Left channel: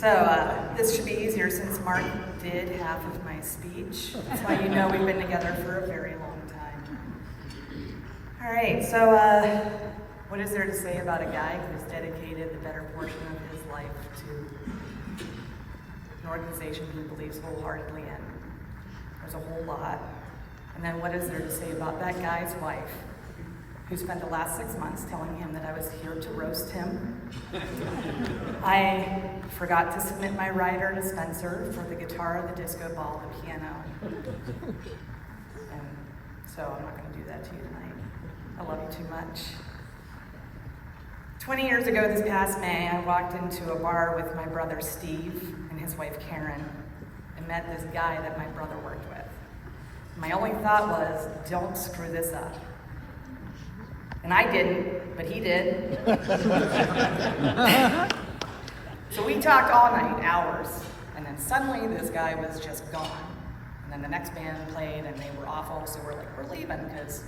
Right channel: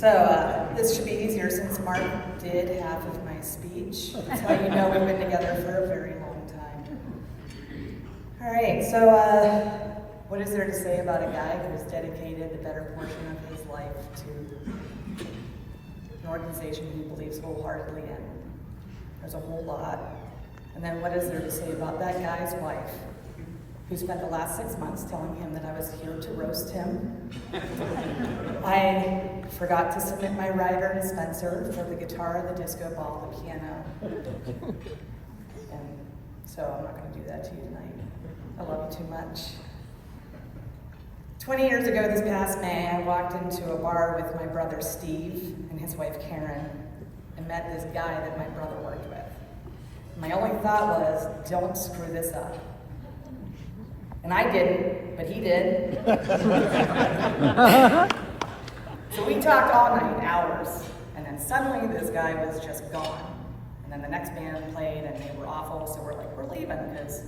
This should be easier since Mark did half of my speech. That's why you know we've been together for a very long time. All right, what is there to say about a guy who's dedicated the better portion of his life to an organization he believes wholeheartedly in? There's a whole lot. And then what is there to say about that guy's wife, who spent the last 6 months telling him that I was here to roast him? I forgot to submit my rider to Spencer for the guitar, the disco ball, the piano. And so I'm not going to do that to you tonight. I love you too much. 20 years ago this past May, I walked into a bar with my brother Steve and his wife Karen and met this guy that my brother worked with. My only thought was, don't screw this up. And I didn't, but he did. So we talked all night, hours, and then suddenly this guy was just gone. And then the next band played and they were awful, so we're like, we're leaving because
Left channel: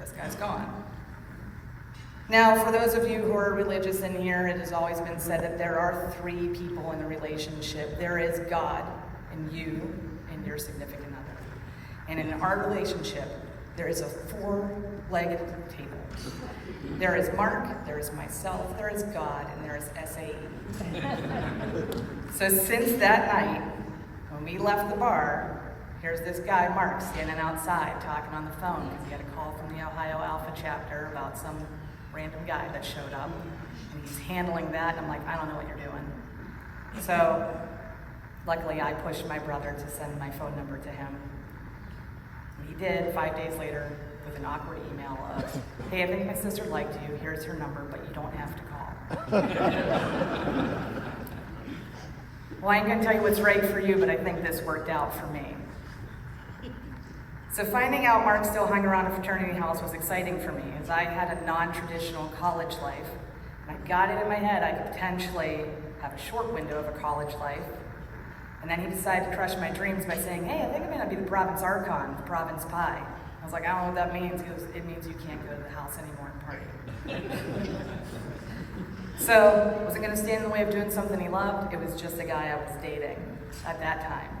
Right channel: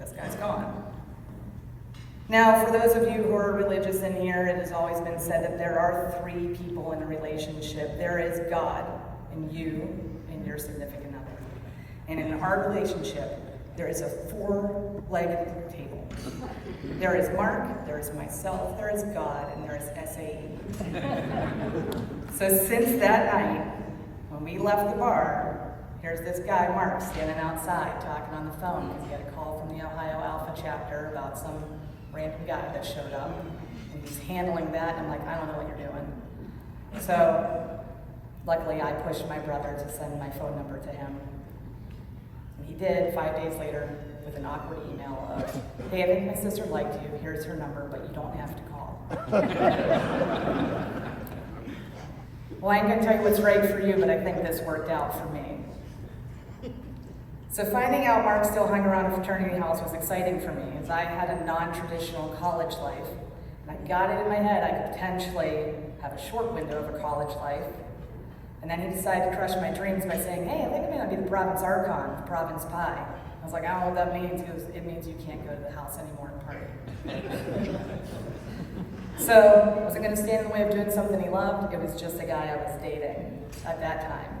this guy's gone. Now, for those of you who are religious in here, it has always been said that there are 3 people in a relationship. There is God, and you, and your significant other. And in our relationship, there is a 4-legged table. There is Mark, there is myself, there is God, and there is SAE. So since that night, when we left the bar, here's this guy, Mark, standing outside talking on the phone. He got a call from the Ohio Alpha chapter about some random guy that showed up, and he's handling that, and I'm like, I don't know what you're doing. So luckily I pushed my brother to send my phone number to him. And he did 5 days later with an awkward email of, hey, I think my sister liked you, here's her number, but you don't have to call. Well, I ain't gonna tell you what's right for you, but I think this worked out for me. So finding out Mark still hung around a fraternity house was exciting for me, as I had a non-traditional college life. And I got it in my head I could potentially have a short window of a college life. And then he decided to crush my dreams by saying, hey, I think I'm gonna be the Province Archon, the Province Pi. I was like, I don't know what that means. He goes, it means you can't go to the house anymore and party. So I wasn't gonna stand in the way of doing something he loved. It was just a guy I was dating at that time.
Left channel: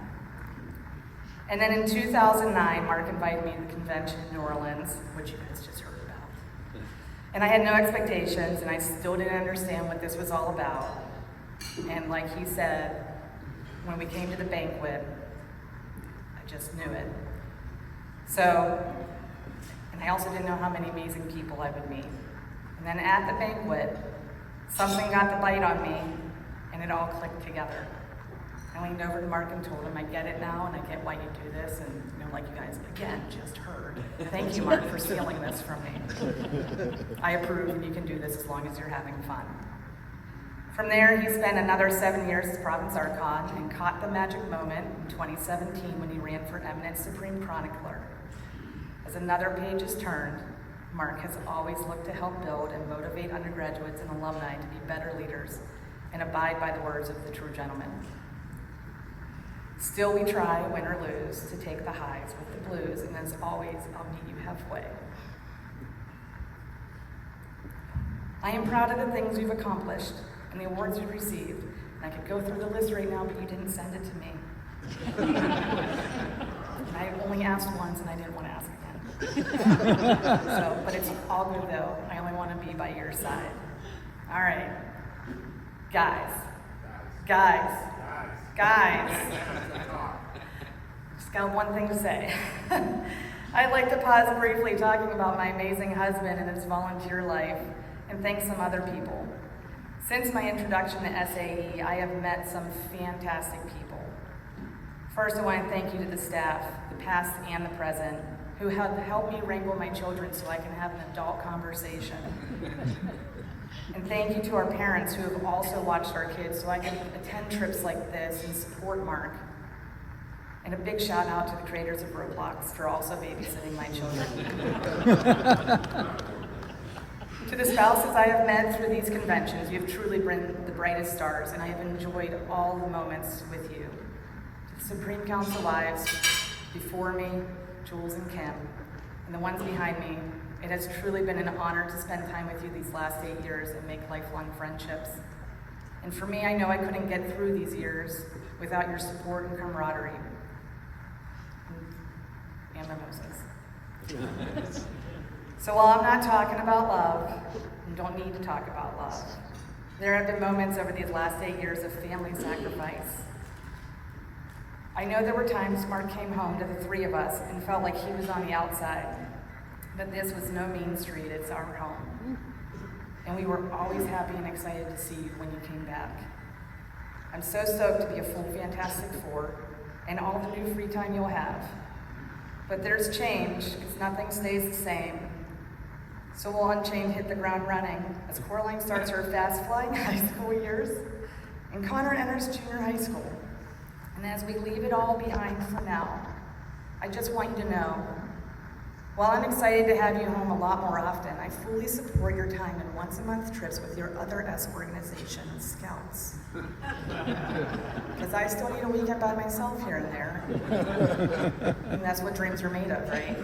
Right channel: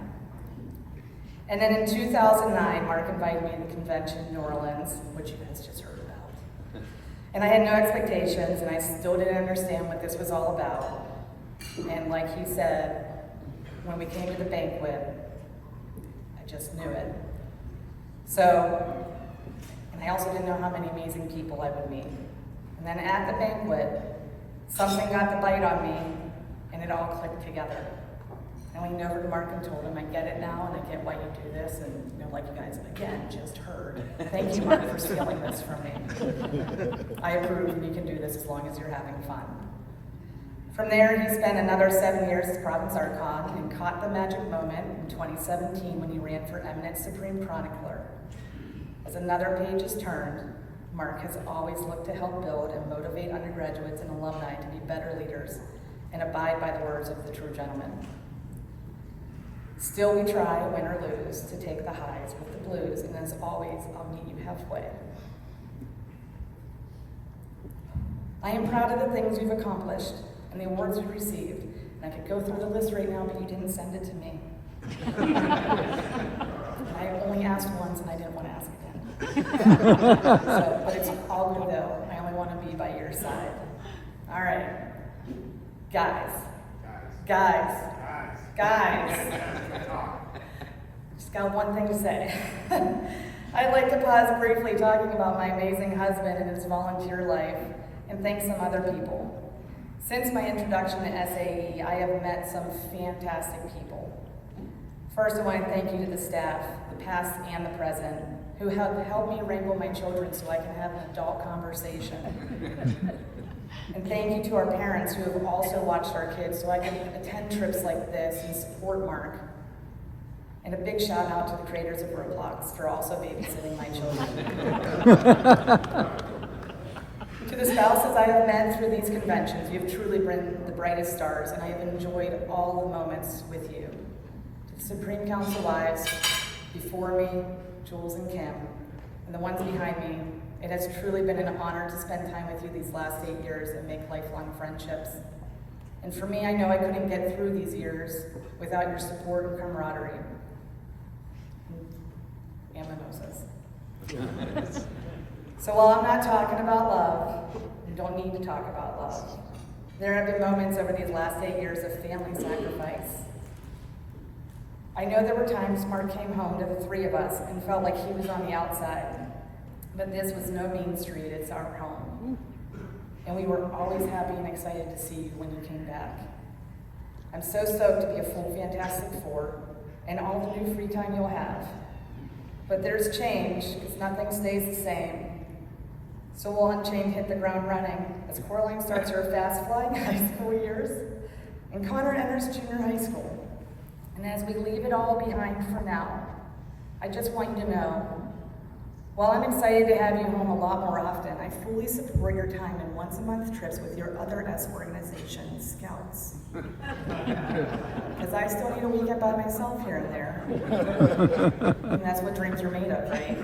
And then in 2009, Mark invited me to the convention in New Orleans, which you guys just heard about. And I had no expectations, and I still didn't understand what this was all about. And like he said, when we came to the banquet, I just knew it. So, and I also didn't know how many amazing people I would meet. And then at the banquet, something got the bite on me, and it all clicked together. I leaned over to Mark and told him, I get it now, and I get why you do this, and like you guys, again, just heard. Thank you, Mark, for stealing this from me. I approve, and you can do this as long as you're having fun. From there, he spent another 7 years as Province Archon and caught the magic moment in 2017 when he ran for eminent Supreme Chronicler. As another page is turned, Mark has always looked to help build and motivate undergraduates and alumni to be better leaders and abide by the words of the true gentleman. Still we try, win or lose, to take the highs with the blues, and as always, I'll meet you halfway. I am proud of the things you've accomplished and the awards you've received. And I could go through the list right now, but you didn't send it to me. I only asked once, and I didn't want to ask again. But it's all good though. I only want to be by your side. All right, guys. Just got one thing to say. I'd like to pause briefly talking about my amazing husband and his volunteer life, and thank some other people. Since my introduction to SAE, I have met some fantastic people. First, I want to thank you to the staff, the past and the present, who have helped me wrangle my children so I can have an adult conversation. And thank you to our parents who have also watched our kids so I can attend trips like this and support Mark. And a big shout out to the creators of Roblox for also babysitting my children. To the spouses I have met through these conventions, you have truly been the brightest stars, and I have enjoyed all the moments with you. To the Supreme Council wives before me, Jules and Kim, and the ones behind me, it has truly been an honor to spend time with you these last 8 years and make lifelong friendships. And for me, I know I couldn't get through these years without your support and camaraderie. And my nose says. So while I'm not talking about love, and don't need to talk about love, there have been moments over these last 8 years of family sacrifice. I know there were times Mark came home to the three of us and felt like he was on the outside, but this was no mean street, it's our home. And we were always happy and excited to see you when you came back. I'm so stoked to be a full Fantastic Four and all the new free time you'll have. But there's change, because nothing stays the same. So will Unchained hit the ground running as Coraline starts her fast flight high school years, and Connor enters junior high school. And as we leave it all behind for now, I just want you to know, while I'm excited to have you home a lot more often, I fully support your time in once-a-month trips with your other S organization, Scouts. Because I still need a weekend by myself here and there. And that's what dreams are made of, right?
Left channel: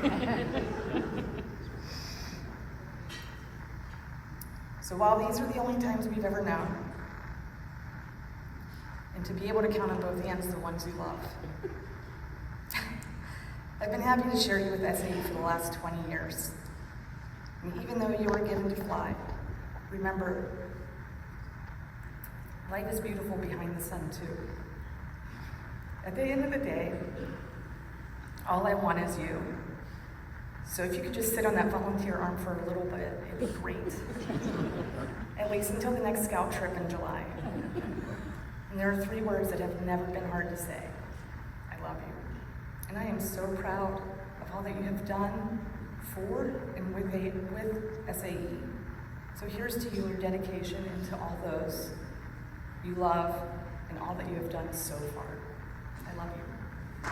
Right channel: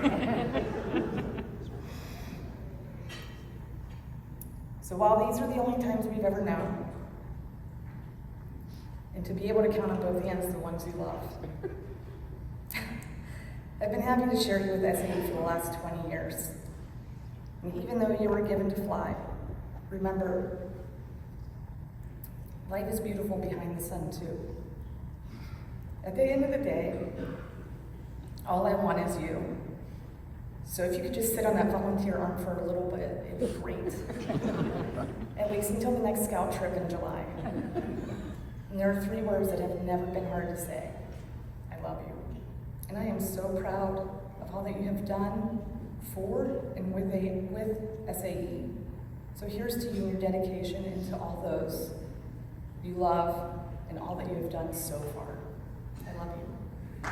So while these are the only times we've ever known, and to be able to count on both hands the ones you love, I've been happy to share you with SAE for the last 20 years. And even though you were given to fly, remember, life is beautiful behind the sun too. At the end of the day, all I want is you. So if you could just sit on that volunteer arm for a little bit, it would be great. At least until the next Scout trip in July. And there are 3 words that have never been hard to say. I love you. And I am so proud of all that you have done for and with SAE. So here's to you in dedication and to all those you love and all that you have done so far. I love you.